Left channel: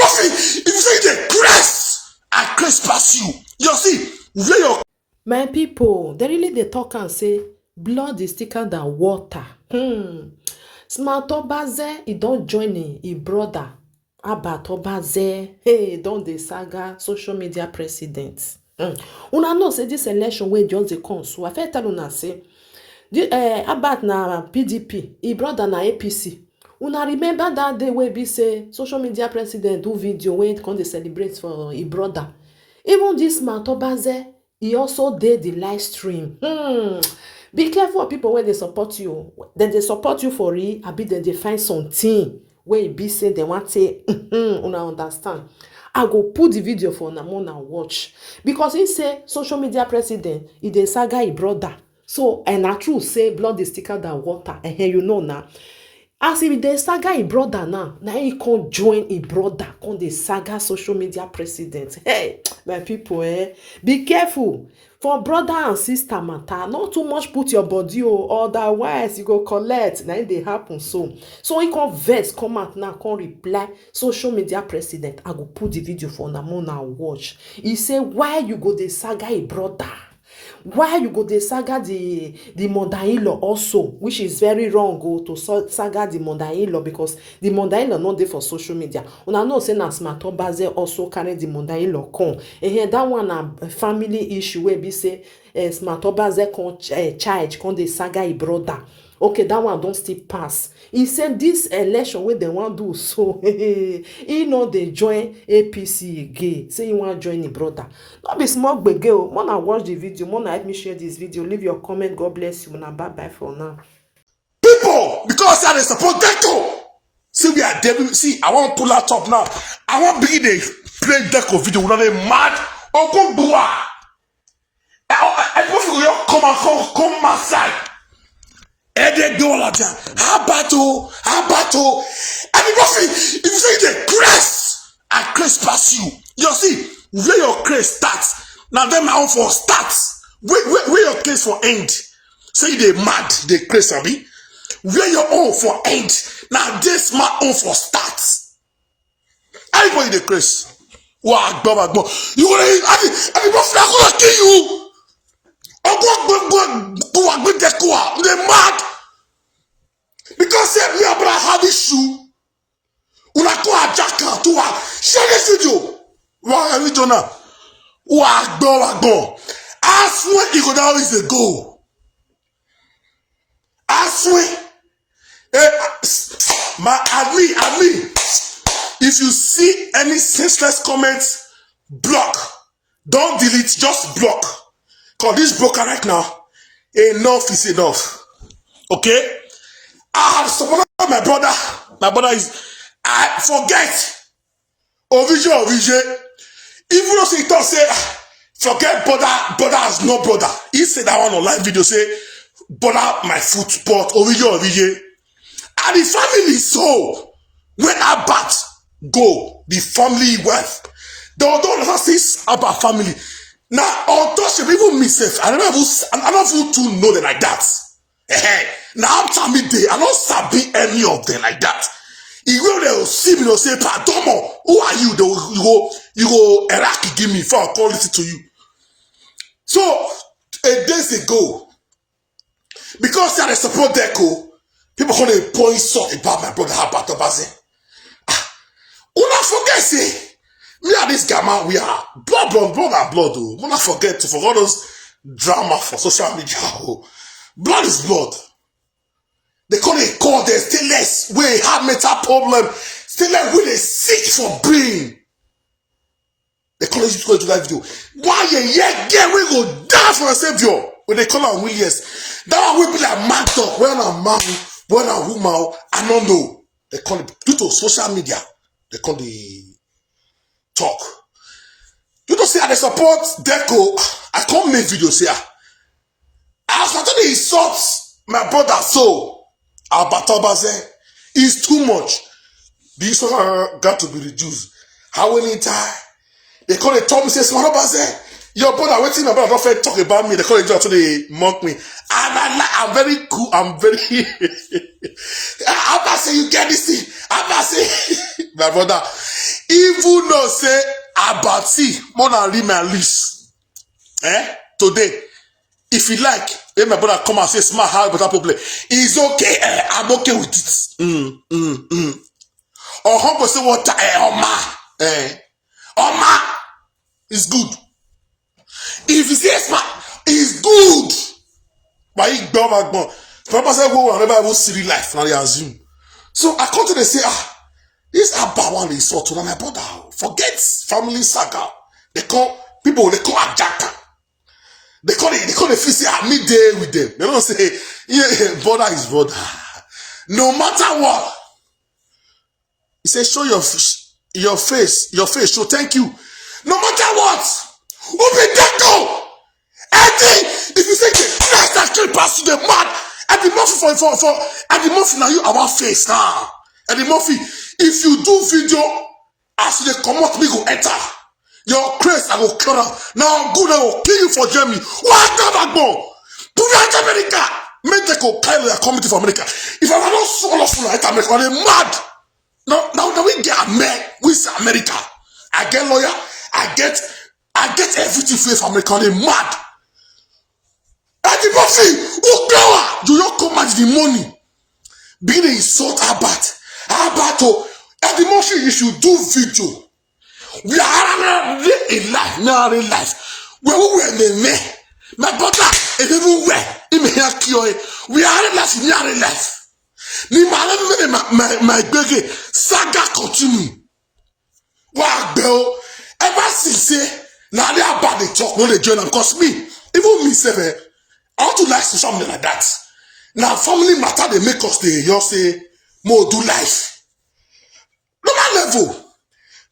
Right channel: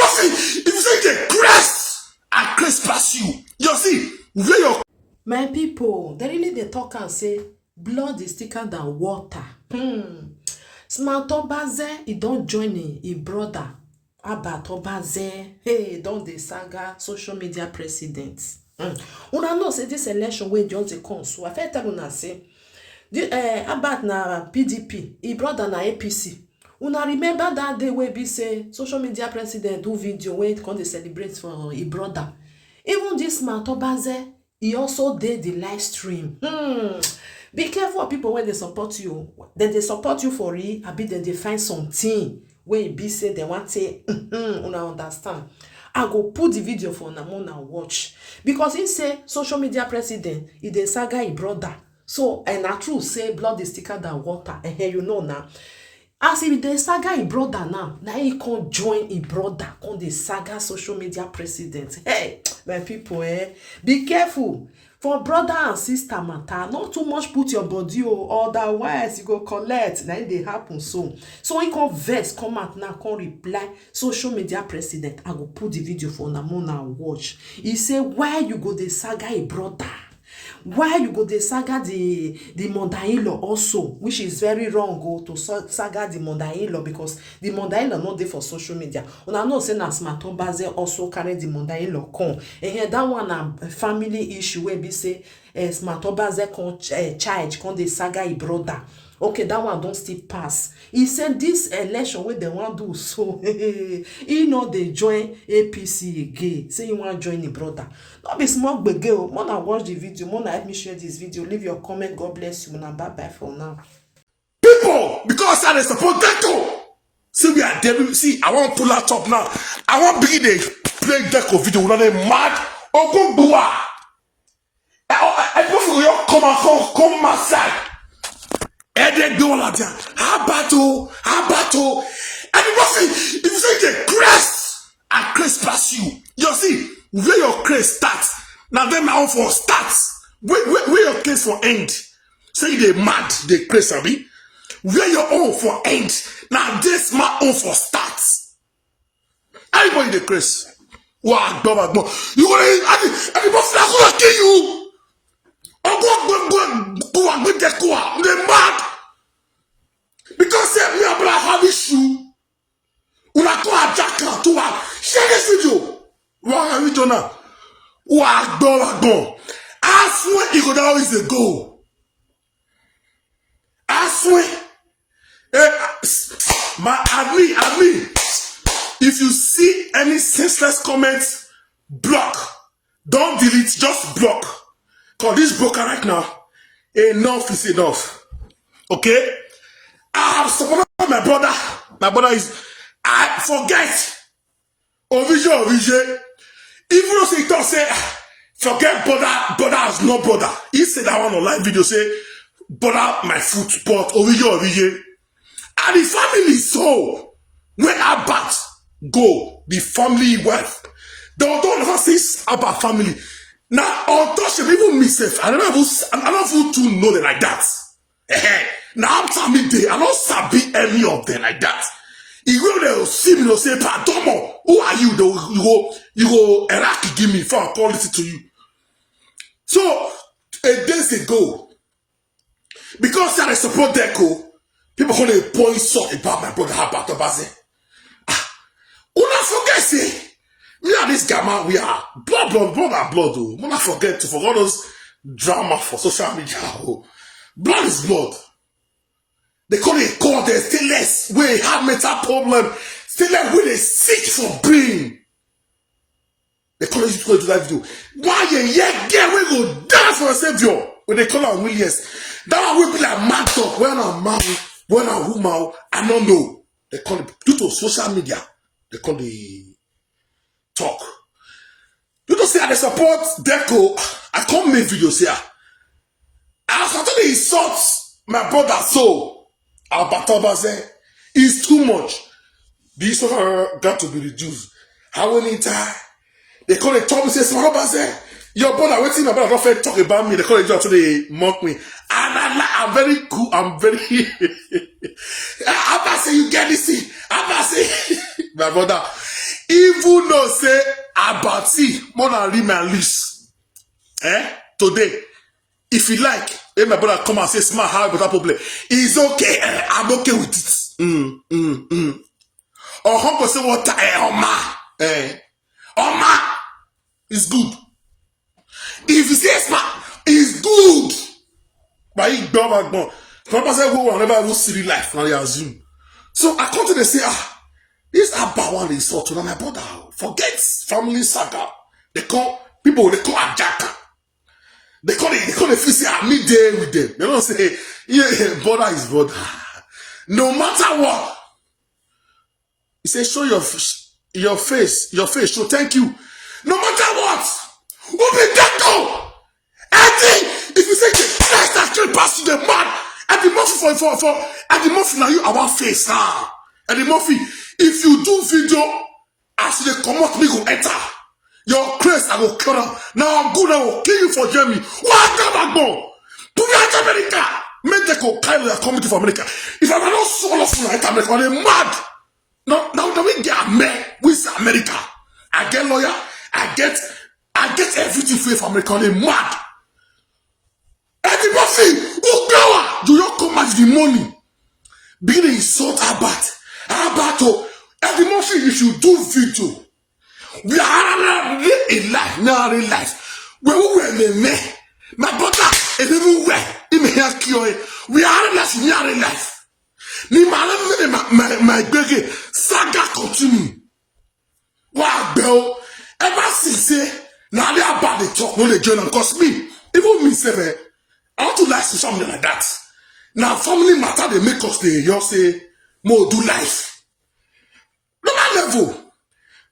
if you say the grace, I grace pass you. You see, where your My people, they really they talk and say blood is thicker than water. Smart Obazee, he don't join his brother. About Obazee, hey, don't the Saga social media president. Una know say this election wey just dey come, so I fit tell una say about na PDP, his brother na APC. Una remember that day wey be say social media president do video wey come dey celebrate for his brother. Even this Smart Obazee, he also did the live stream. Be careful of people when they support you. Then they support you for it. I be then they find something where it be say they want to una understand. I go put the video for Namona watch. Because he say social media president, he dey Saga his brother. So, and I true say blood is thicker than water. And here you know now. As if the Saga his brother now he can't join his brother on the Saga social media president. Hey, my people, be careful. For brother and sister matter, not too much put your body, otherwise you go collect. Now they happen so. So he can vex, come out now, can reply. Social media president, I go put the video for Namona watch. He say, why you go the Saga his brother? Why you go the Saga the mother-in-law also, which is very wrong to Saga the mother-in-law, because the mother-in-law not there for social media. Una know say na Smart Obazee also carry the mother-in-law come. And here that one a family issue where be say Smart Obazee con charge con the Saga his brother. Okay, that one don't still pass. He said this election where they want do so. He know they join APC again. Say you want to join the brother. Not be small begel. Mona watch the video. Mona help me share this video. Leave your comment. God bless you. Mona bye bye for now. people, because they support Deco. See, we are devil. See, I want to pull that up now. I want to be the play Deco video. We're not mad. Oh, go boomer. I don't come my side. And they go like that. How battle. And if you say the grace, I grace pass you. You see, where your grace starts. Now them out for starts. Where your grace for end. Say they mad, they grace abi. Where your own for end. Now this my own for starts. Everybody the grace. Wow, go. You want to everybody kill you. Go, they mad. Because we are have issue. Una to a jacker to a share this video. Why are we doing now? Go. I swear it could always go. I swear. I mean, if you see any senseless comments, block. Don't delete, just block. Cause this broker right now, enough is enough. Okay? I have supported my brother. My brother is, I forget. Origin. Even though he thought say, forget brother has no brother. He said that one on live video, say, brother my foot, but origin. And the family so, when Abat go, the family wife, they don't have this about family. Now, untouchable, even myself, I don't even to know them like that. Now I'm telling me I don't sabi any of them like that. You will see me, they'll say, Padomo, who are you? You go Iraqi give me for a policy to you. So, a days ago, because I support Deco, people call it point so about my brother about Obazee. Una forget say, me and this gamma, we are blood, oh. Una forget to forget those drama for social media. Oh. Blood is blood. They call it God, they still less. We have mental problem. Still less when they sick for brain. They call it to that video. Why you get we go down for a savior? When they call it Williams. That one will be like man talk. When I'm man, when I'm woman, I don't know. They call it due to social media. They call the talk. You don't see how they support Deco. I can't make videos here. I was starting to insult my brother so. About Obazee is too much. This got to be reduced. How many times they call it Tommy says, Smart Obazee, your brother waiting, my brother don't talk about me. They call it just so they mock me. And I'm very cool. I'm very. Obazee, you get this thing. Obazee, my brother. Even though say Obazee more than read my list. Today, if you like, if my brother come and say smart how better problem, it's okay. I'm okay with it. Or humble say what? Oma, it's good. If you say smart, it's good. But he don't have one. Papa say go whenever I will see life. Now they assume. So I come to them say, this Abba one is sort of my brother. Forget family saga. They call people. They call Ajaka. They call it. They call it. Say I meet there with them. They don't say yeah, brother is brother. No matter what. He said, show your face. Your face. So thank you. No matter what. Who be that go? If you say the Christ actually pass you the man, at the Murphy for at the Murphy now you our face now. At the Murphy, if you do video as you come out, me go enter. Your Christ I will kill them. Now I'm good, I will kill you for Germany. Why not go? Do that America. Make they go kind of community for America. If I not swallow for America, I'm mad. Now we get a man with America. I get lawyer, I get everything for America. I'm mad. Eddie Murphy, who go? Do you come at the money? Being insult about Eddie Murphy, you should do video. We are in life, now in life. Where we were, my brother, and everywhere, in my we are in life, we are in life. My baby, Saga continue. Wow, bro. Ever since say, now they are about the talk, no the journal, because me, even me, say, I want to nice to something like that. Now, family matter, they make us the you say, more do life. Normal level.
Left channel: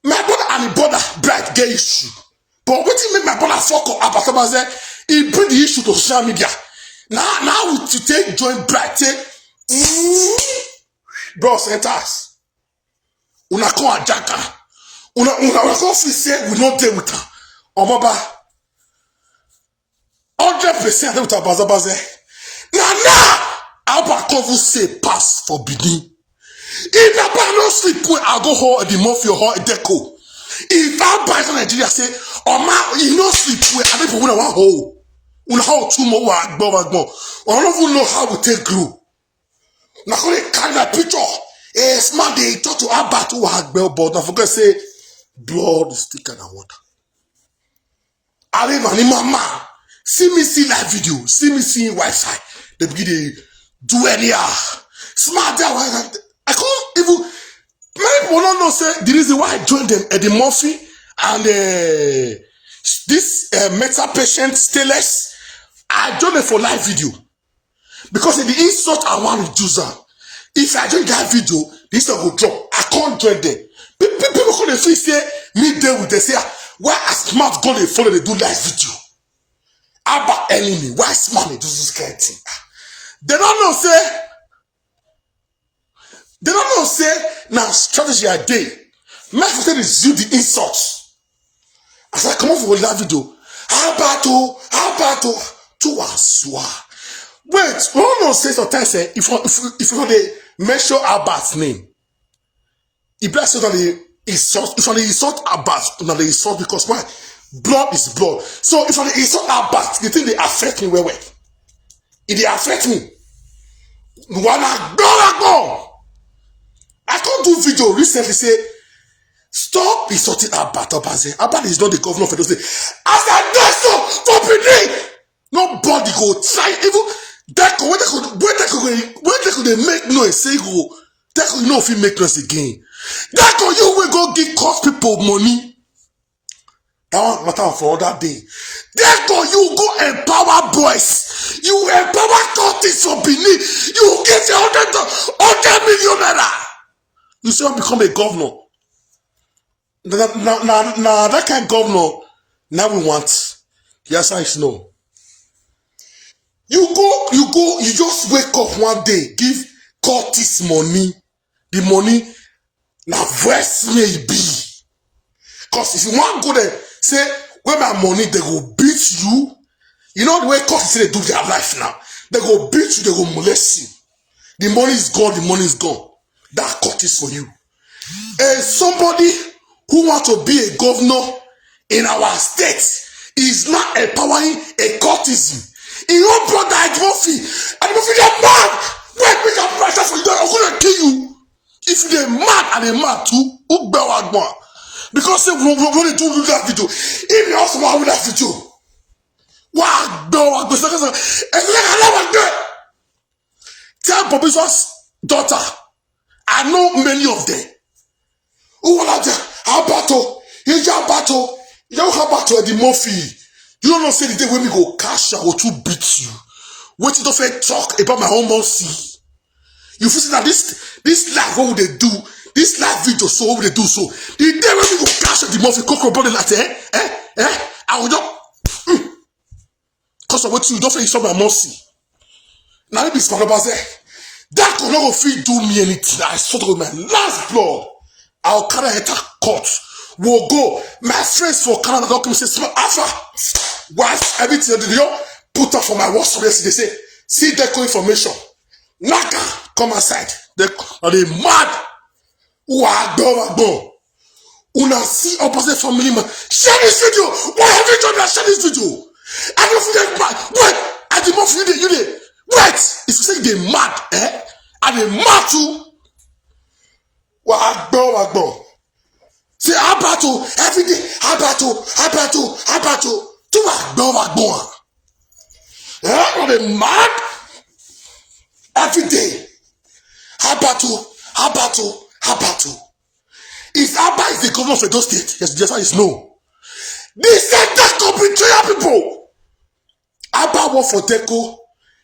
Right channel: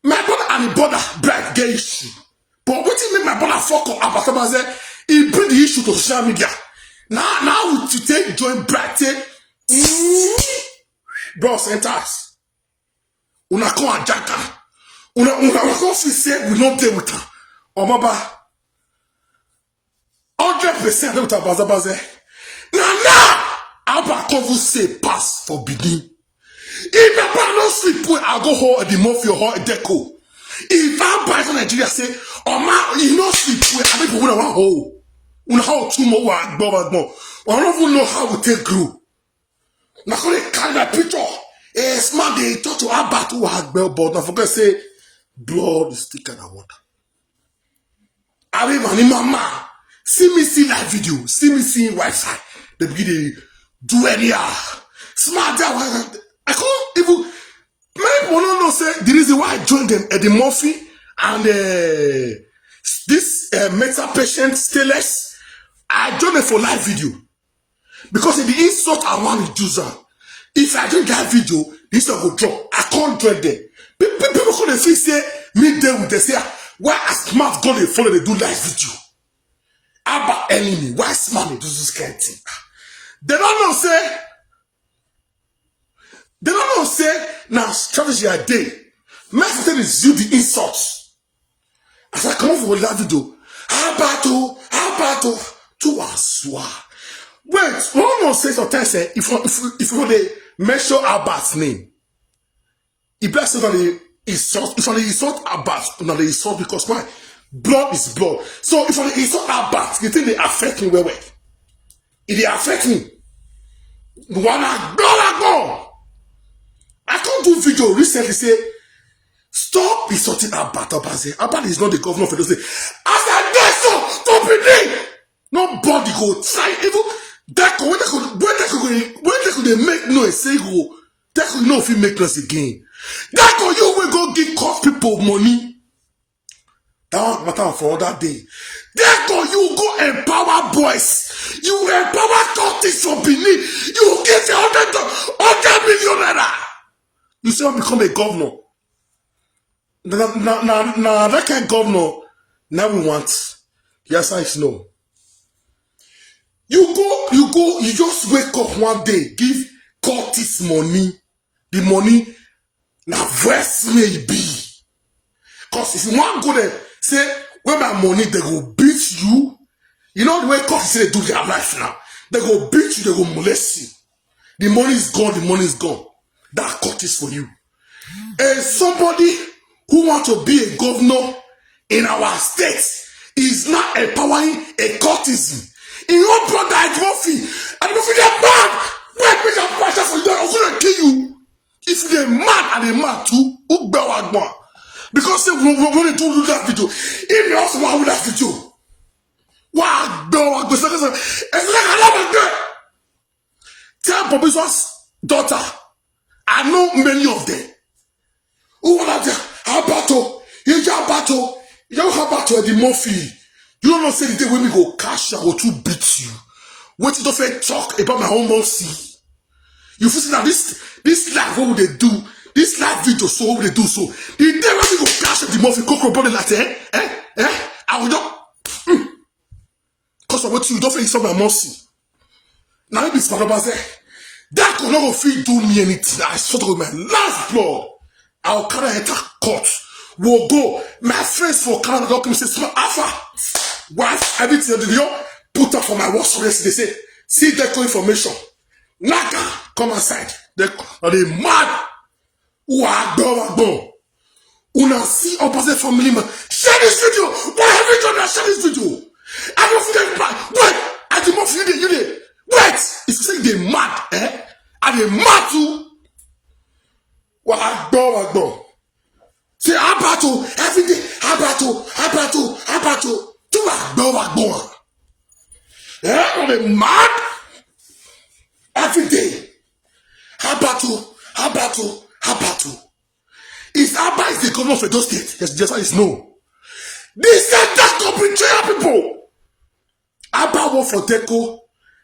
My brother and the brother, brother, get issue. But what you make my brother fuck up about Obazee, he bring the issue to social media. Now to take join brother, bro, sent us. Una come a jaka. Una come say we not deal with her. Omaba. 100% with Obazee. Now, Abba cover say pass for Benin. If I buy no sleep, I go home at the Murphy or a deco. If I buy from Nigeria, say, oh man, you no sleep, I don't even want hole. We how two more I don't even know how we take grow. Now, when they carry that picture, smart they talk to Abba to work bell, but now forget say, blood is thicker than water. I mean, mama, see me see that video, see me see Wi-Fi. They begin to do any smart there. I can't even. Many people don't know say the reason why I joined them at the Murphy and this mental patient stainless. I joined them for live video because in the insult I want to do that. If I join that video, this will drop. I can't join them. People come feel say me there with they say why a smart go they follow they do live video. About enemy, why smart they do this kind of thing? They don't know say. They don't know say now strategy a day. My sister is you the insults. As I come off with that video, how about to aswa. Wait, no say sometimes say if you they mention Abba's name, it bless you that they insult. If they insult Abbas, now they insult because why? Blood is blood. So if they insult Abbas, the thing they affect me well. If they affect me, wanna go. I can't do video recently say, stop insulting Obazee. Abba is not the governor of the state. As I get so, for Benin, nobody go try. Even that when they could make noise, say go, that could know if he make noise again. That could you will go give cost people money. That one matter for other day. That could you go empower boys. You empower counties for Benin. You get 100 million naira. You see, become a governor. Now that kind of governor, now we want. The answer is no. You just wake up one day, give Curtis money. The money, now verse may be. Because if you want to go there, say, where my money, they go beat you. You know the way Curtis say they do their life now. They go beat you, they go molest you. The money is gone, the money is gone. That cut is for you. And somebody who to be a governor in our state is not empowering a courtesan. In your brother Idahosa, Idahosa get mad. Wait, make a pressure for you. I'm gonna kill you. If they mad and they mad too, who bear one? Because we do that video. If they also want that video, wow, no, tell Professor's daughter, I know many of them. Who are there? How battle? Here's your battle. You don't have battle the Murphy. You don't know say the day when we go cash out or to beat you. Wait, you don't feel talk about my own Murphy. You feel that this live, what would they do? This live video, so what would they do? So the day when we go cash out the Murphy, cocoa brother that I will just because of what you don't feel you saw my Murphy. Now let me speak about that. That could not feel do me anything. I saw with my last blood. I'll carry enter court. We'll go. My friends for Canada don't come and say, so Alpha, wife, everything that they put up for my work. So they say, see Deco information. Naka, come aside. They mad. Wagbo. Una see opposite family man. Share this video. Why have you done that? Share this video. I don't feel that bad. Wait, I demand for you there. Wait, it's saying they mad, and they mad too. Wagbo. See, I battle every day. I battle. To wagbo. They mad every day. I battle. If Abba is the governor of Edo State, yes, the answer is no. They said that could betray people. Abba work for Deco.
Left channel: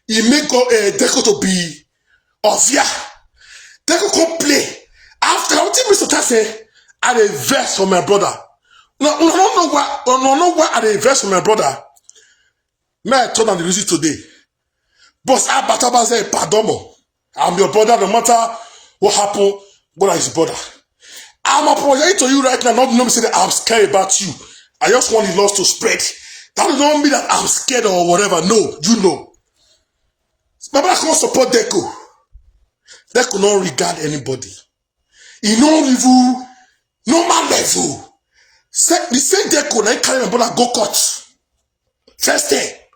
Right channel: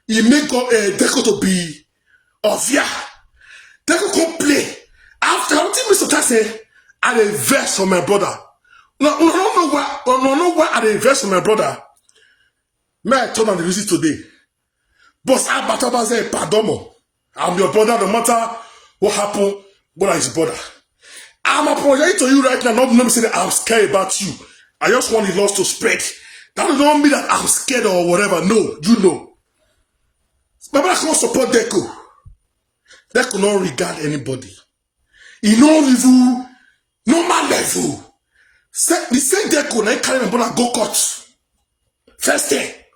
He make Deco to be Ovia. Deco come play. After what Mr. Ty say, I dey vex for my brother. No know why I dey vex for my brother. May I turn on the music today? But Abba say, pardon me. I'm your brother, no matter what happened, brother is your brother. I'm apologizing to you right now, not saying that I'm scared about you. I just want the loss to spread. That don't mean that I'm scared or whatever. No, you know. My brother can't support Deco. Deco not regard anybody. He no level, normal level. The same Deco now carry my brother go court. First day.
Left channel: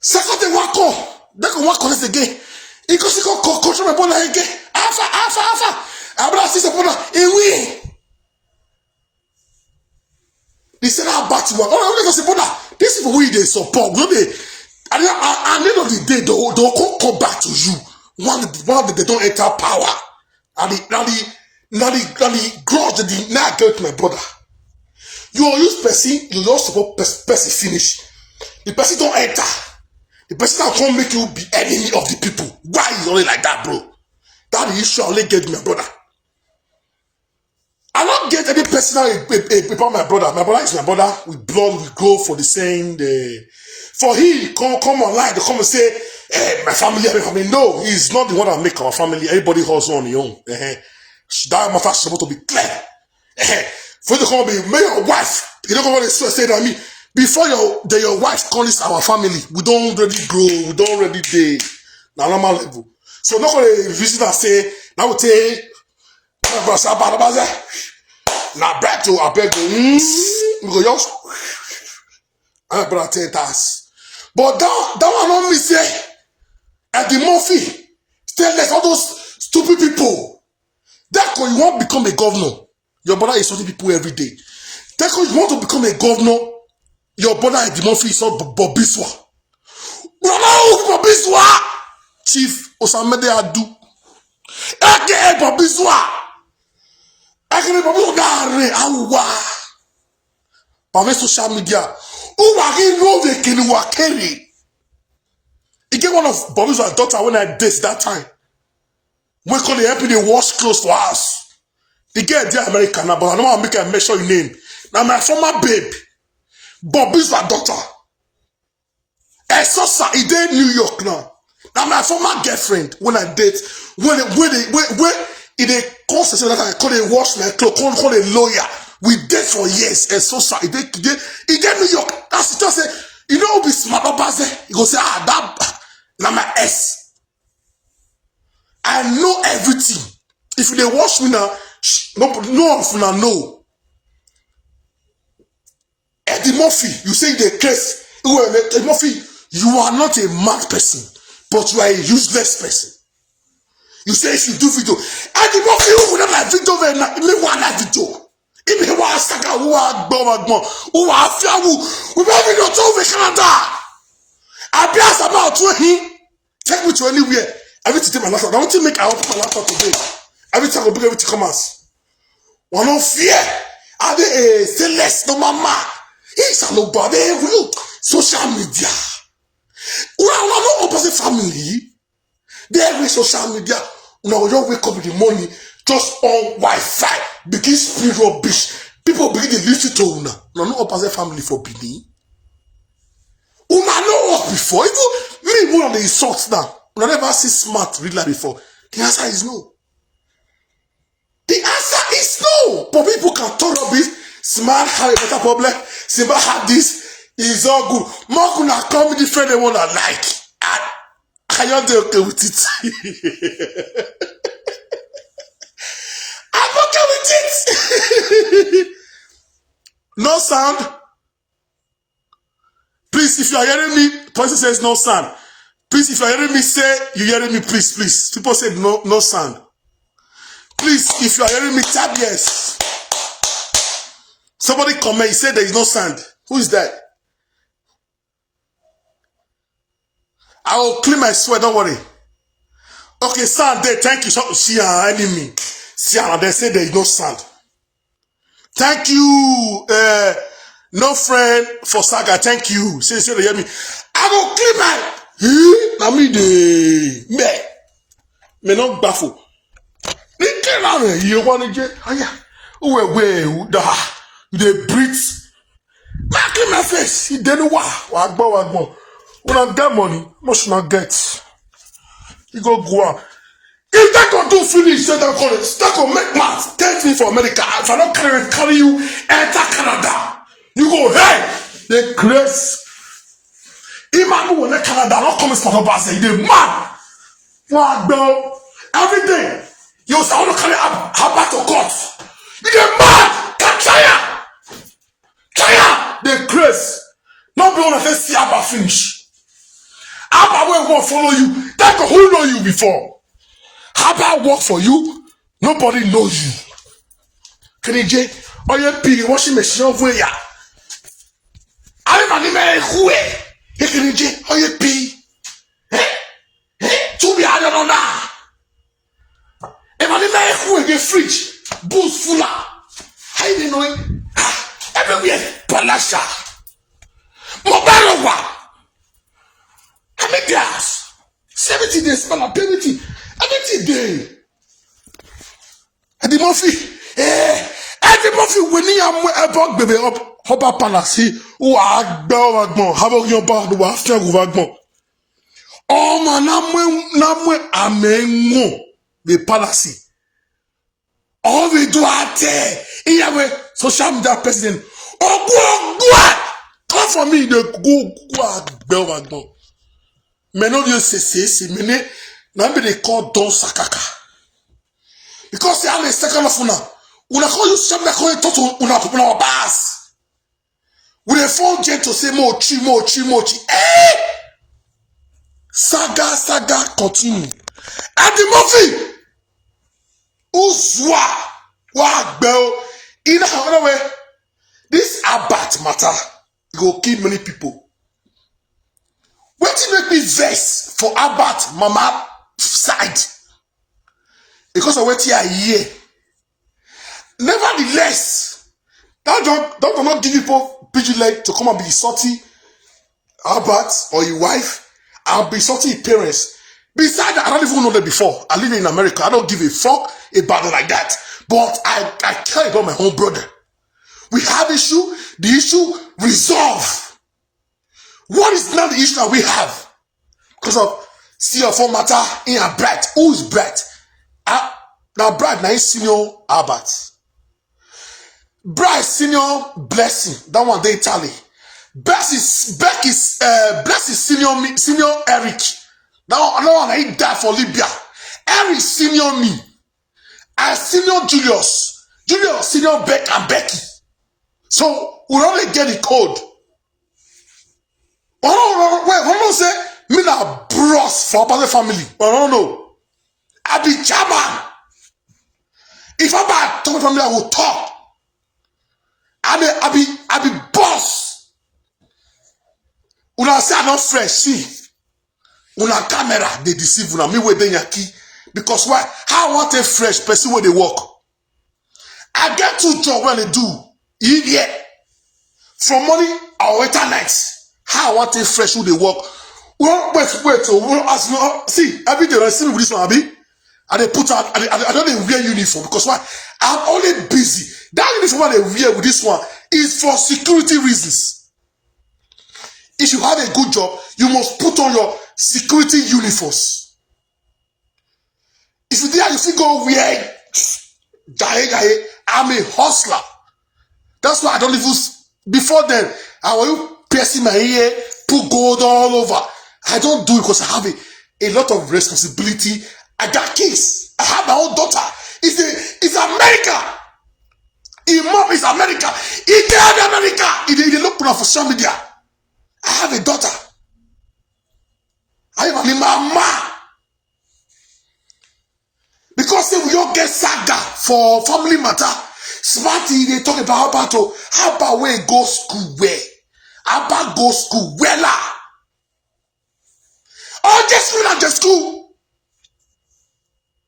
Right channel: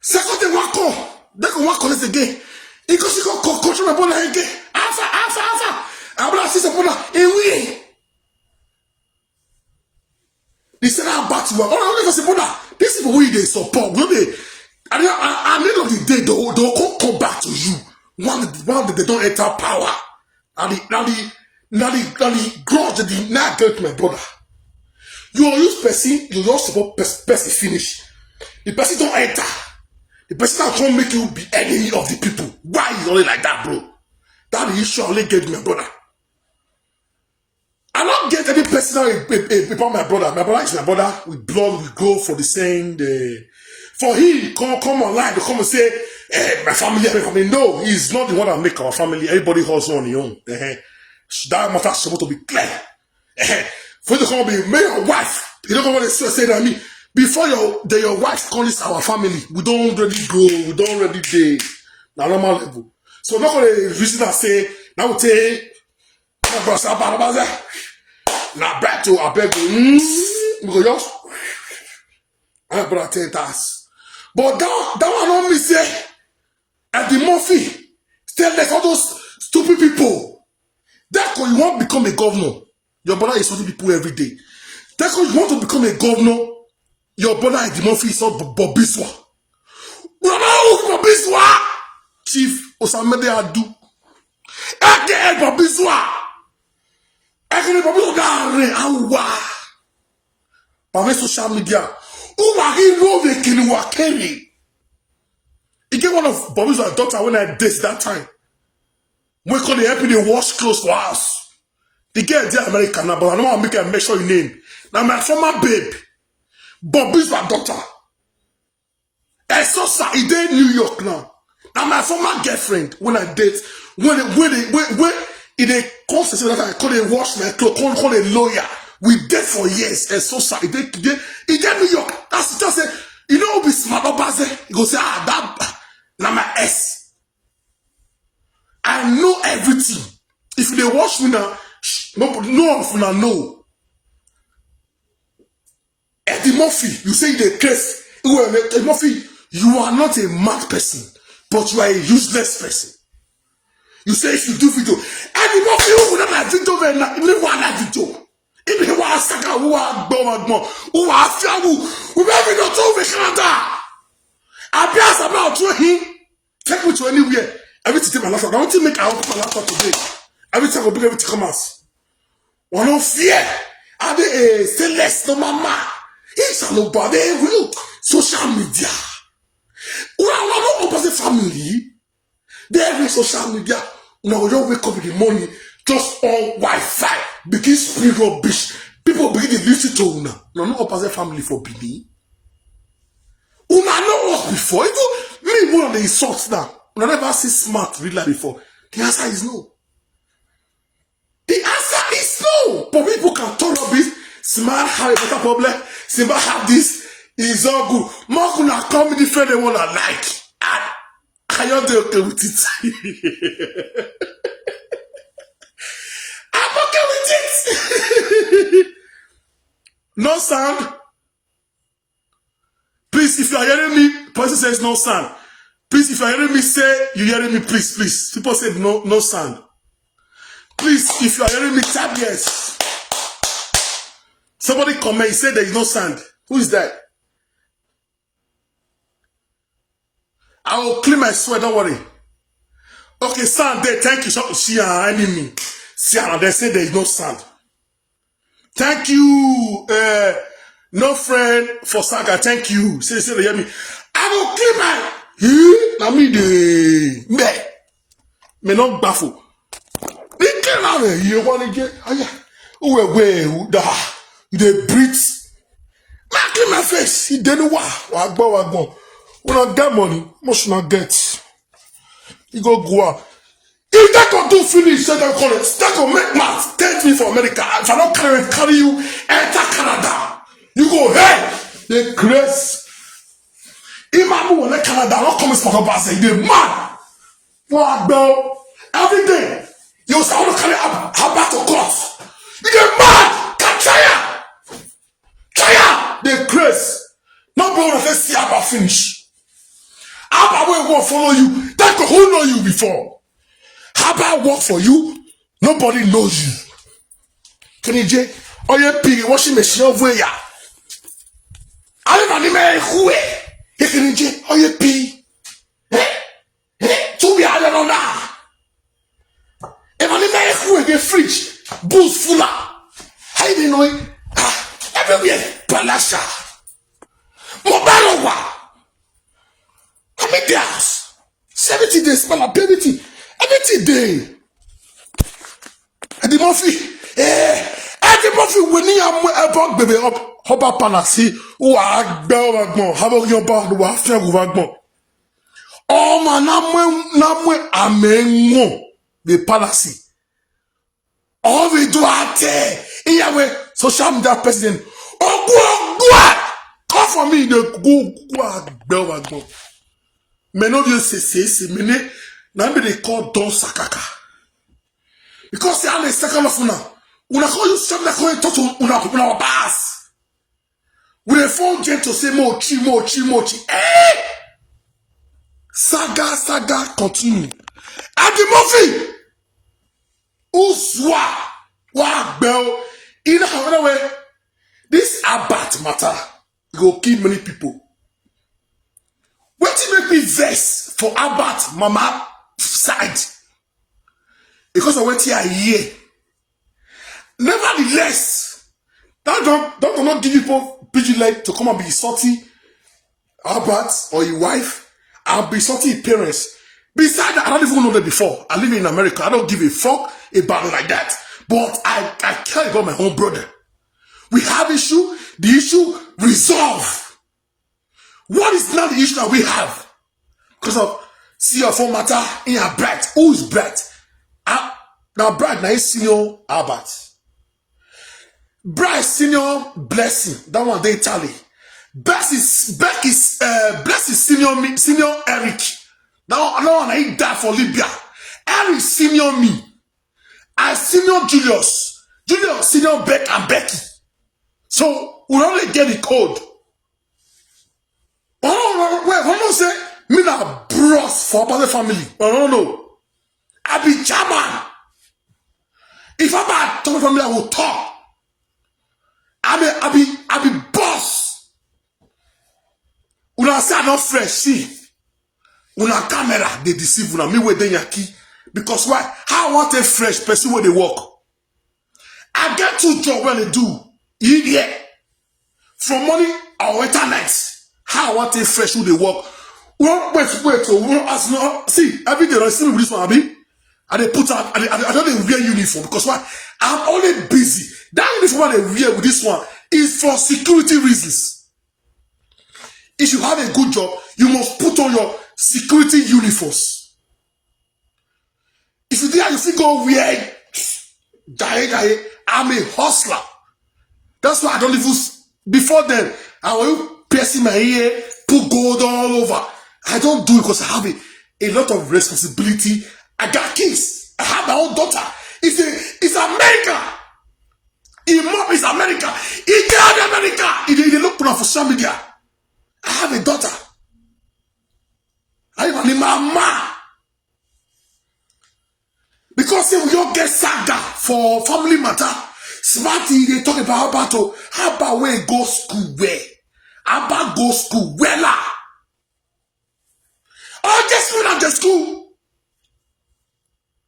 Second day, one call. Deco one call this again. He goes to control my brother again. Alpha. My brother sees a brother, he win. He said, I'm back to work. Brother, this is the way they support. At the end of the day, they'll come back to you. One that they don't enter power. And the grudge that they now get to my brother. You use person, you just support person finish. The person don't enter. The person that can't make you be enemy of the people. Why you only like that, bro? That the issue I only get my brother. I don't get any personal about my brother. My brother is my brother. We blood, we go for the same. For him, come online to come and say, my family. No, he's not the one that make our family. Everybody hustles on their own. That matter is supposed to be clear. For you to come and be your wife, you don't know what they say that I mean. Before your wife calls our family, we don't really grow, we don't really date. Now normal level. So I'm not going to visit and say, now we take. Now back to I beg you. We go just I brother 10 times. But that one not me say at the Murphy stay like all those stupid people. That when you want to become a governor, your brother is insulting people every day. That when you want to become a governor, your brother at the Murphy is not Bobiswa. Bobiswa Chief Osamede Adu. Aka Bobiswa. By social media, who are he know the Kinuwakeri? He get one of Bobby's daughter when I did that time. We call the help they wash clothes for us. He get the American, but I don't want to make sure your name. Now my former babe, Bobby's daughter. I saw he did New York now. Now my former girlfriend when I date when they call that I call it wash my clothes, call it lawyer. We did for years and so sorry. He did New York. As it say, you know, be smart Obazee. He go say, that now my S. I know everything. If they wash me now, No one finna know. Eddie Murphy, you say the case. Eddie Murphy, you are not a mad person, but you are a useless person. You say if you do video, Eddie Murphy who would have video very na me Wahala video. If me wa Saga who are gbon, who are fiawu, we be video to over Canada. I be ask about to him. Take me to anywhere. Everything take my laptop. I want to make our laptop today. Everything will be able to come out. One no fear. Are they say less no mama? It's nobody real social media. We are not opposite family. There is social media. Now you wake up in the morning just on Wi-Fi. Begin speed rubbish. People begin to listen to una. Now not opposite family for Bini. Una know what before. Even me one of the insults now. Una never see smart read like before. The answer is no. The answer is no. But people can talk about this. Smart have a better problem. Simba have this. It's all good. More gonna come different than what I like. I am okay with it. I'm okay with it. No sound. Please, if you are hearing me, person says no sound. Please, if you are hearing me, say you hearing me, please, please. People said no sound. Please, if you are hearing me, tap yes. Somebody comment, say there is no sound. Who is that? I will clean my sweat, don't worry. Okay, sound there, thank you. See our enemy. See how they say there is no sound. Thank you, no friend for Saga, thank you. Say they hear me. I will clean my na me de me not baffle. Me clean out you want to you dey breathe. I clean my face. You don't know wagbo. When I get money, must not get. You go out. If that can do finish, that will make math. Take me for America. If I don't carry you, enter Canada. You go there. They grace. Imagine when they Canada, not coming from Obazee. They mad. Wagbo. Every day. You say, I want to carry up. How about to court? You get mad. Try. They grace. Not be able to see about finish. Abba will follow you. That who know you before. Abba work for you. Nobody knows you. Can you say, oh yeah, pig washing machine over here. I don't know who. Can you say, oh yeah, pig. To me, I don't know now. If I know who the fridge, boost fuller. I don't know. Everywhere, Palasha. Mobile. How many days? 70 days, mama, ability. Everything day. Eddie Murphy, when you are about baby up, Hoba Palasi, who are Belwagmo, how about your bag, who are fair Wagmo? Oh, man, Namwe, Amen, the Palasi. All we do out there, in social media president. Oh, go, come for me, the go, Belwagmo. Men no just say, men na they call Don Sakaka. Because you have a second of una call you something that call you to una bass. With a phone jet to say mochi. Saga continue. Eddie Murphy. Uzwa. Wagbel. In another way, this about matter. It will kill many people. What you make me vex for Albert Mama side? Because of what you are here. Nevertheless, that don't not give people leg to come and be salty Albert or your wife. I'll be salty your parents. Besides, I don't even know that before. I live in America. I don't give a fuck about it like that. But I care about my own brother. We have issue. The issue resolve. What is now the issue that we have? Because of CFO matter in a Bright. Who is Bright? Now Bright now is senior Albert. Bright senior Blessing. That one they tally. Beck is senior Eric. Now one he died for Libya. Eric senior me. and senior Julius, senior Beck and Becky. So we only get the code. I say me na bros for other family. No. I be chairman. If I buy talk family, I will talk. I be boss. Una say I not fresh. See, una camera they deceive una. Me with the yaki because why? How I want a fresh person where they work? I get 2 jobs when they do. Yeah. From morning or internet. How I want a fresh who they work? Well, wait. See, every day I see with this one, Abi. And they put out, I don't wear uniform because why? I'm only busy. That uniform they wear with this one is for security reasons. If you have a good job, you must put on your security uniforms. If you dare, you see go wear gaye, I'm a hustler. That's why I don't even, before then, I will piercing my ear, put gold all over. I don't do it because I have a lot of responsibility. I got kids. I have my own daughter. It's America. His mom is America. He dad America. He look for social media. I have a daughter. I have a mama. Because we all get Saga for family matter. Smarty, they talk about how about where go school where? How about go school where la? Oh, just when at the school.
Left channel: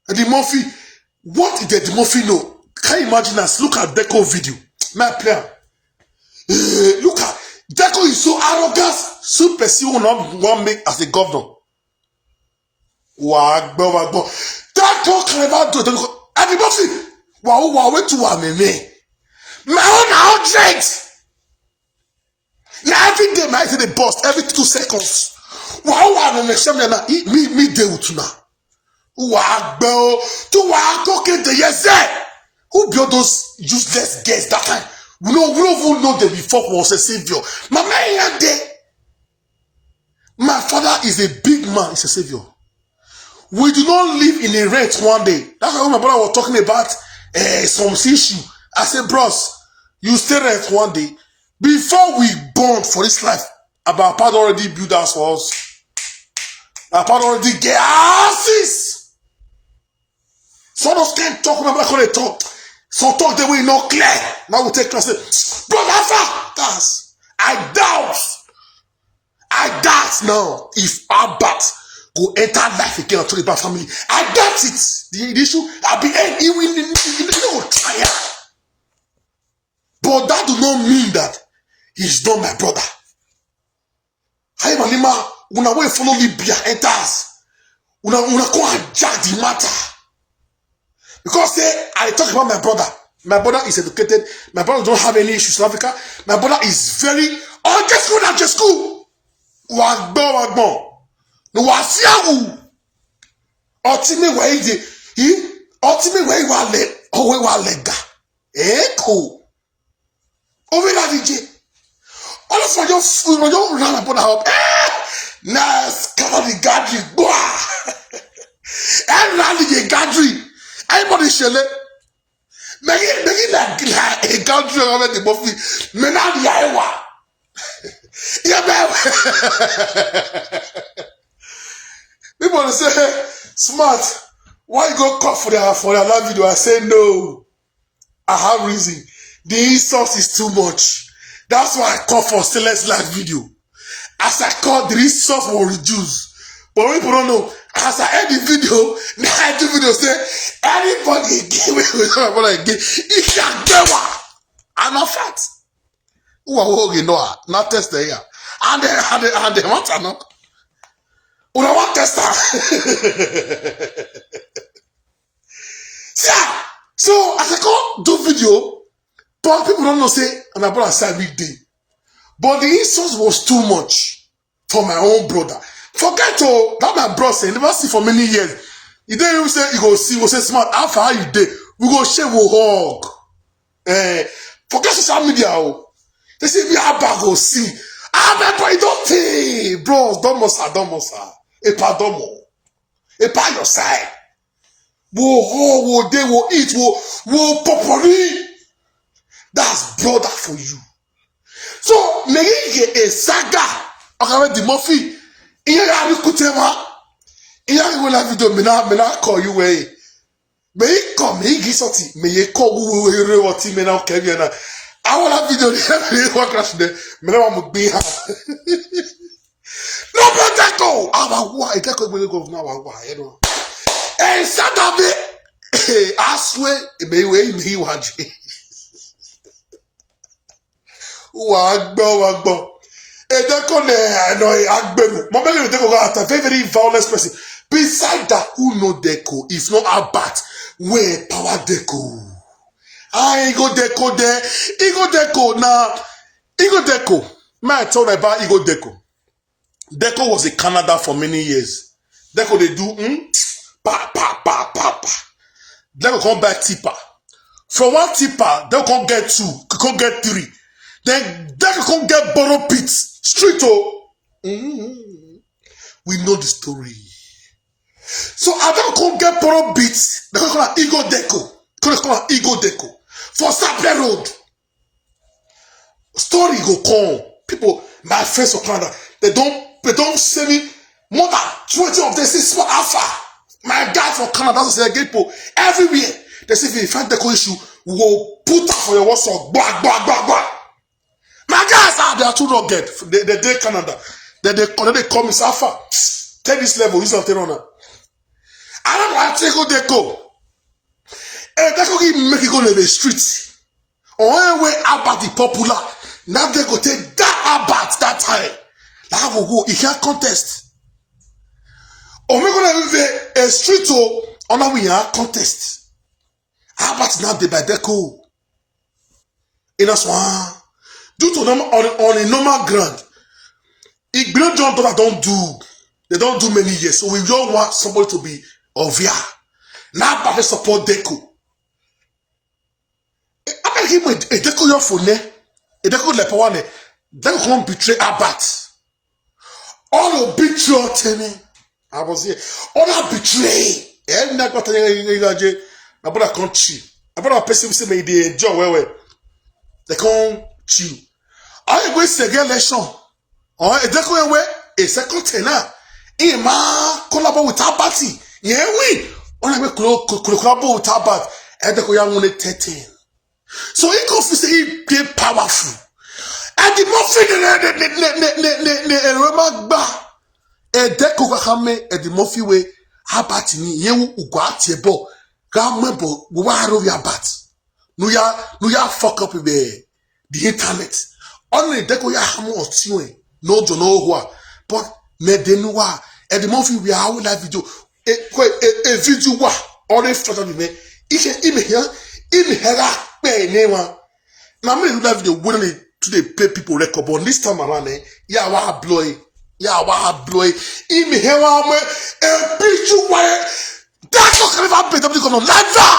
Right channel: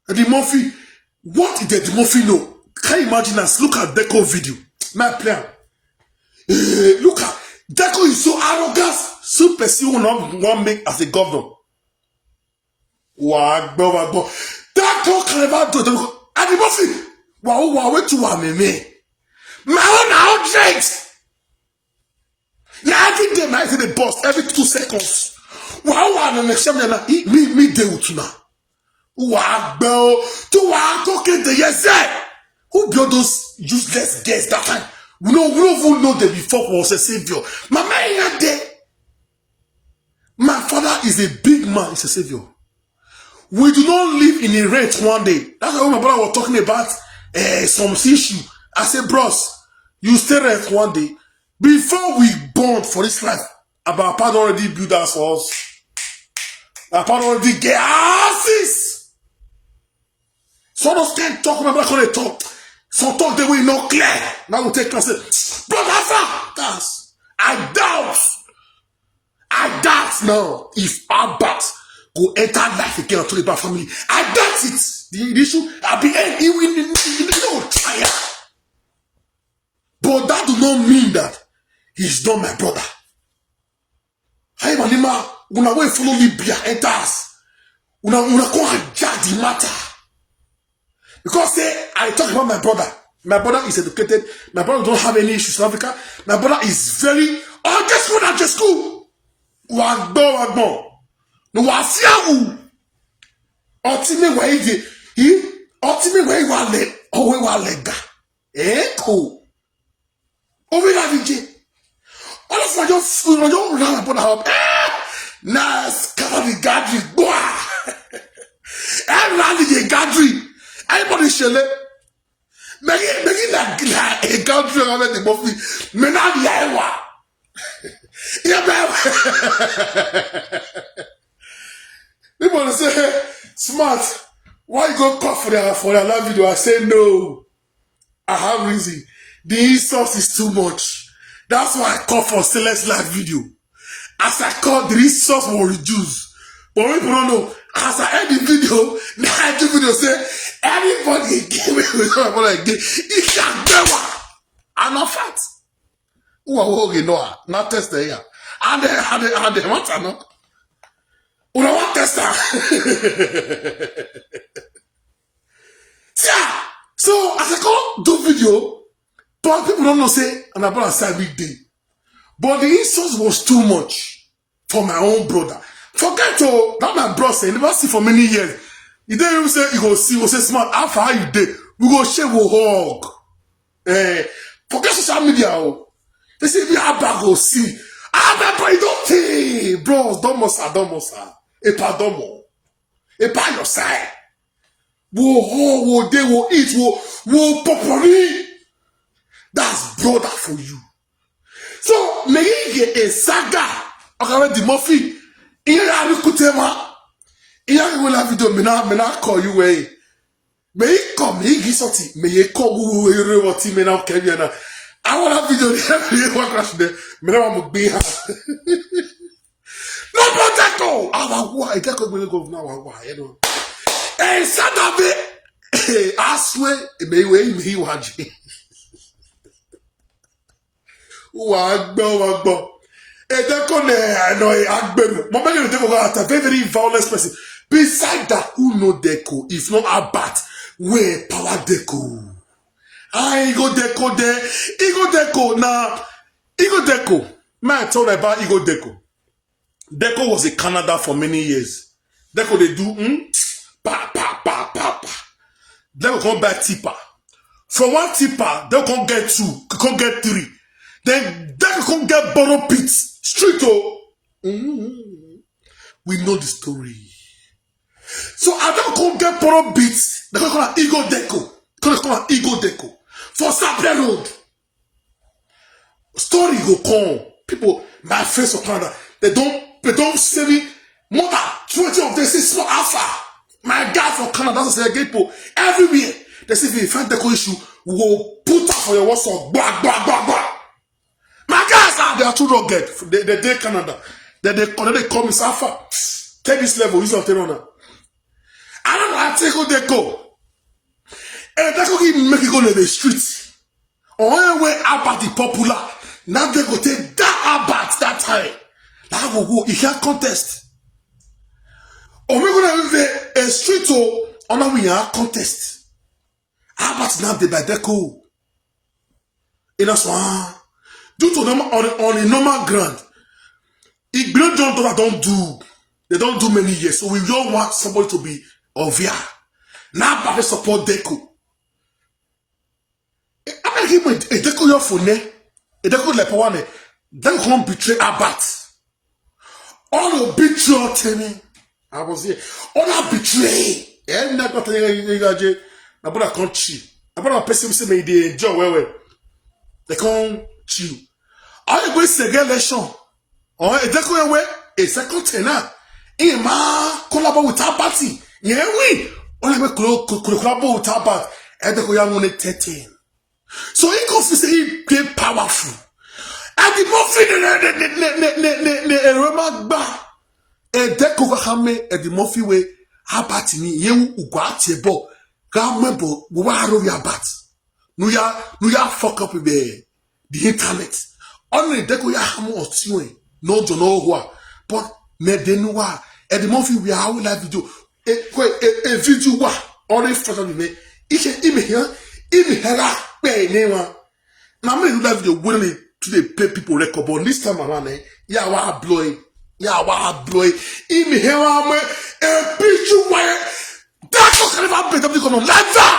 The Murphy, what did the Murphy know? Can you imagine us? Look at Deco video. My plan. Look at Deco is so arrogant. So person will not make as a governor. Wow, Deco can never do it. And the Murphy, wow, wait to one me. My own dregs. Yeah, every day I see the boss every 2 seconds. Wow, and me day with you now. Wow, bro, to walk talking to yourself. Who built those useless guests that time? We don't even know them before was a savior. My man there. My father is a big man, he's a savior. We do not live in a rent one day. That's why my brother was talking about some issue. I said, bros, you stay rent one day. Before we born for this life, our father already built house for us. Our father already get houses. Some of us can't talk about how they talk. So talk the way not clear. Now we take class. Brother, that's I doubt now if Albert go enter life again and talk about family. I doubt it. The issue I've been even no tired. But that do not mean that he's not my brother. How you lima una way follow Libya enters. Una go and judge the matter. Because I talk about my brother. My brother is educated. My brother don't have any issues in Africa. My brother is very just school. Wagbo. No wasiawu. Ultimate way he ultimate way wale owe walega. Cool. Over la DJ. All of your food, you don't run about how nice carry gathering. And rally the gathering. Everybody shall let make it like a country over the Buffy. Me not the Iowa. People say, smart, why you go call for another video? I say no. I have reason. The resource is too much. That's why I call for select live video. As I call, the resource will reduce. But people don't know. As I end the video, now I give video say, anybody give me what I give, it can never. I'm not fat. Who are you know? Not test the here. And they want to know. Who don't want test that? Yeah. So as I call do video, but people don't know say, and my brother said big day. But the insult was too much for my own brother. Forget to that my brother say, never see for many years. You didn't even say you go see, you go say smart, how far you did? We go share, we hug. Forget social media. They say we have back go see. My boy, don't pay, bros, don't mosa. Epa domo. Epa your side. Wo they will eat, wo popori. That's brother for you. So me a saga. Okay, the Murphy. Here I kutema. Here I will have video. Me na call you way. Me come me gisoti. Me ye call we rewati me na kebi na. I will have video. Me what crash there. Me na want be ha. No better go. Our why? Get go now. Our why? You know. And saga be. I swear. Me we watch. Wagbo. A very violent person. Beside that, who know Deco? If not about where power Deco. I go Deco there. Ego Deco now. Ego Deco. May I tell you about Ego Deco? Deco was in Canada for many years. Deco they do pa. Deco come back tipper. From one tipper, they can't get 2, can't get 3. Then they can't get borrow pits. Street We know the story. So I don't come get borrow beats. They call it Ego Deco. They call it Ego Deco. For Sapien Road. Story go come. People, my friends of Canada, they don't say me more than 20 of them say small alpha. My guy from Canada doesn't say people everywhere. They say if you find Deco issue, we will put up for your WhatsApp. Bah. My guys are they are too rugged. They did Canada. They call me Safa. Take this level, use of Terona. I don't know how to go Deco. And Deco can make it go to the streets. On way about the popular. Now they go take that about that time. Now we go. If you have contest. Or we go to a street on how we are contest. About now they by Deco. In a swan. Due to them on a normal ground, if great John they don't do many years. So we don't want somebody to be ovia. Now Papa support Deco. I give a Deco your phone, a Deco lepawane, Deco can't betray Abat. All of betray Timmy. I was here. All that betray. And I got a about a country. About a person say they enjoy where they can't chew. I go say election. Or a Deco away a second tenor. Collabo with our party. Yeah, we only collabo with our party. And the young one 13. So he goes to say they powerful. And the muffin the remark bar. And Deco Hame and the muffin way. How party me? You got a ball. Gamble, where your bat. No ya fuck up with the internet. Only Deco ya hamo or tiwe. No to know who. But me denua. And the movie we are live video. A video wa. Only photo me. Ishe ime here. Pay name. Now me do that video willingly to the pay people record. But this time around, ya wa blow. Ime here me. A picture wa. That's what never be the come on. Never.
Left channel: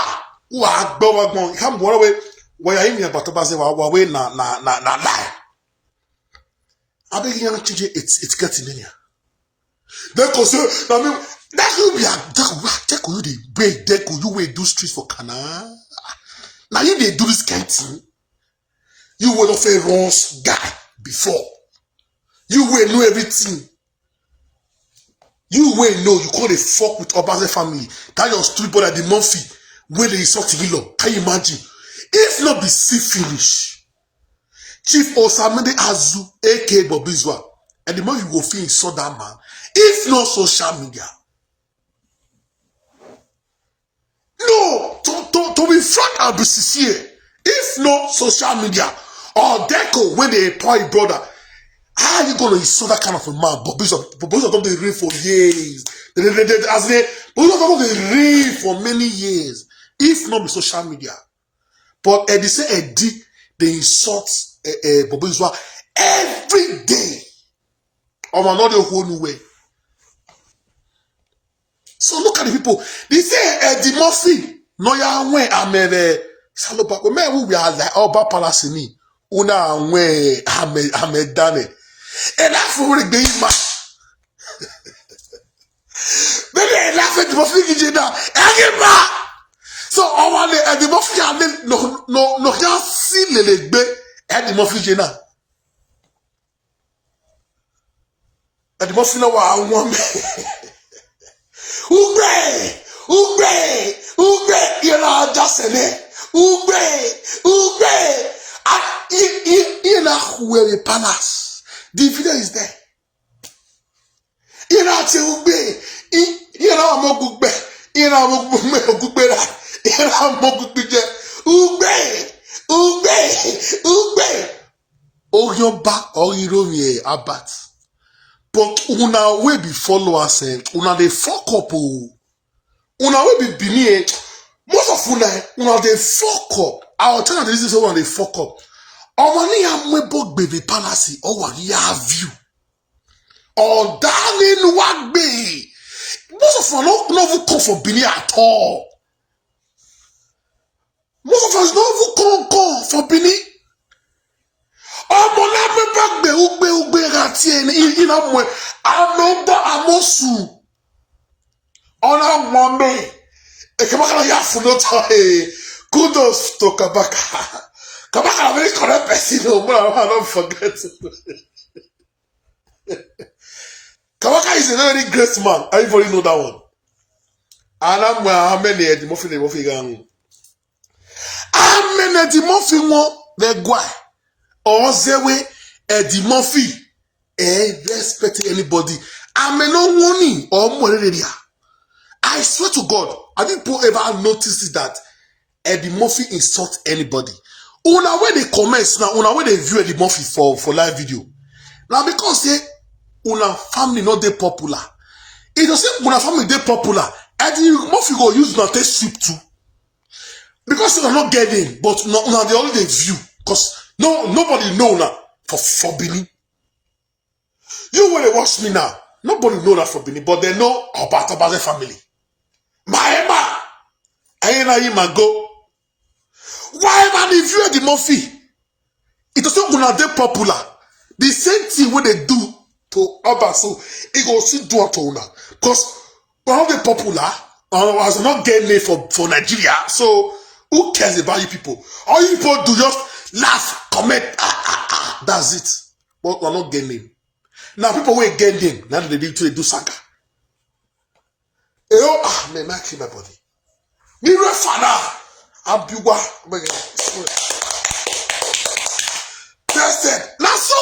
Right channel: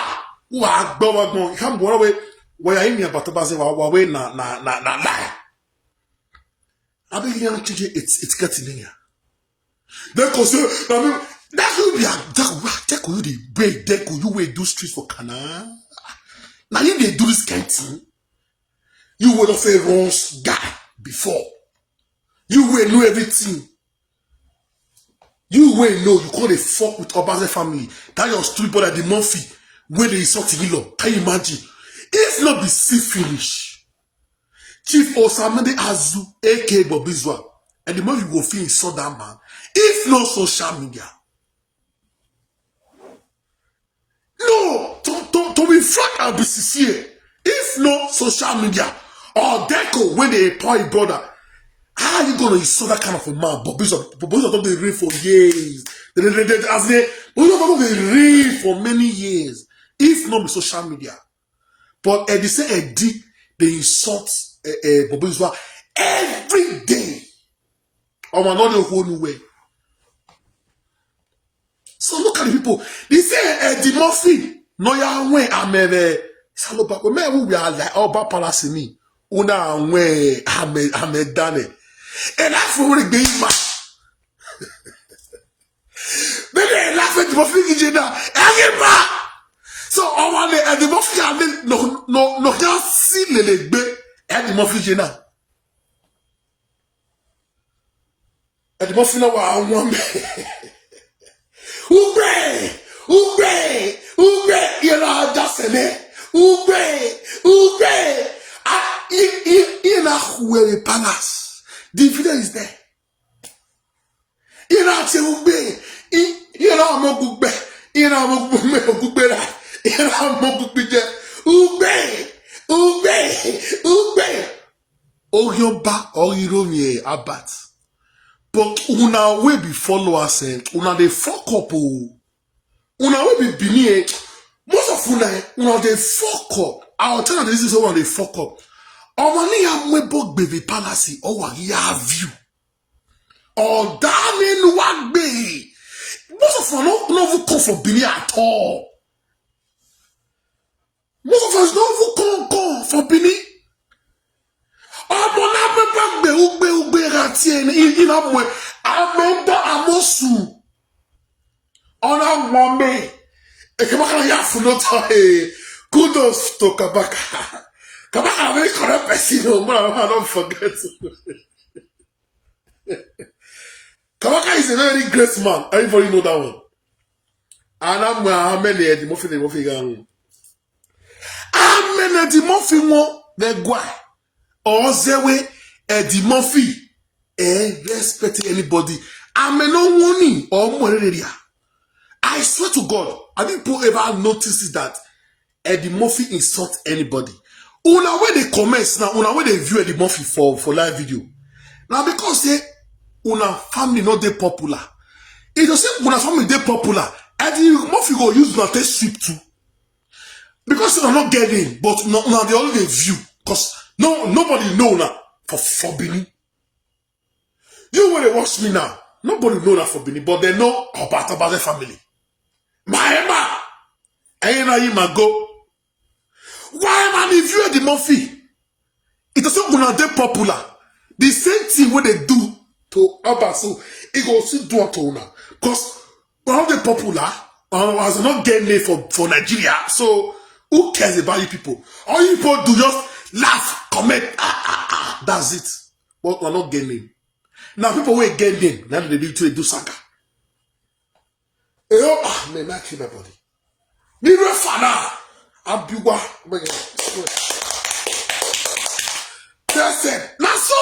Wa gbo. Come go away. Why are you about Obazee? Wa na. I beg you to change it's getting here. That cause I mean that will be that could you the break that could you will do streets for Canada. Now you they do this kind of thing. You will not a wrong guy before. You will know everything. You will know you call a fuck with Obazee family. That your street brother the Murphy where they insult Hilo. Can you imagine? If not be syphilis. Chief Osamende Azu, aka Bobizwa, and the more you will feel saw that man, if not social media. No, to be frank and be sincere, if not social media, or Deco when they employ brother, how are you gonna insult that kind of a man? Bobizwa don't they read for years. Bobizwa don't they read for many years, if not be social media. But they say they insult Bobizwa every day. Or another whole new way. So look at the people. They say the Murphy. No ya way amere. Salopa. When we are like Oba Palace me. Una way ame dane. And that's for the big man. they laugh at the Murphy VJ now. Anymore. So all the Murphy and no can see the leg at the Murphy VJ now. At the Murphy no I want Ugbe, you know, just in there. Ugbe. In a Hueri Palace. The video is there. In a Ugbe. You know, I'm a Ugbe. You know, I'm a Ugbe. You know, I'm a Ugbe. Ugbe. Oh, you're back. Oh, you know me, Abat. But una we be followers, una they fuck up. Una we be me. Most of una they fuck up. Our channel this is one they fuck up. Omani amwebo baby palace or ya view. Or darling what be. Most of us no come for Bini at all. Most of us no come for Bini. Omo na amwebo ugbe ati ina mwe ameba amosu. Ona wame. Kabaka ya funoto kudos to Kabaka. Kabaka a very correct person, no more. I don't forget. Kabaka is a very great man. Everybody know that one. And I'm how many the Murphy gang. How many the Murphy mo the guy or Zewe the Murphy respect anybody. I may no warning or more area. I swear to God, I didn't ever notice that Eddie Murphy insult anybody. Una where they comments now, una where they view Eddie Murphy for live video. Now because say una family not they popular. If you say una family they popular, Eddie Murphy go use una take ship too. Because they not getting, but now they only they view. Because nobody know now for Bini. You when they watch me now, nobody know that for Bini, but they know about the family. My Emma, go. Why man if you are the Murphy? It is not gonna be popular. The same thing when they do to Obazee, it goes to do to una. Because one of the popular was not getting it for Nigeria. So who cares about you people? All you people do just laugh, comment, that's it. But we're not getting. Now people will get them. Now they need to do Saga. Man, my keep my body. Me father. Abiwa. Person. Now so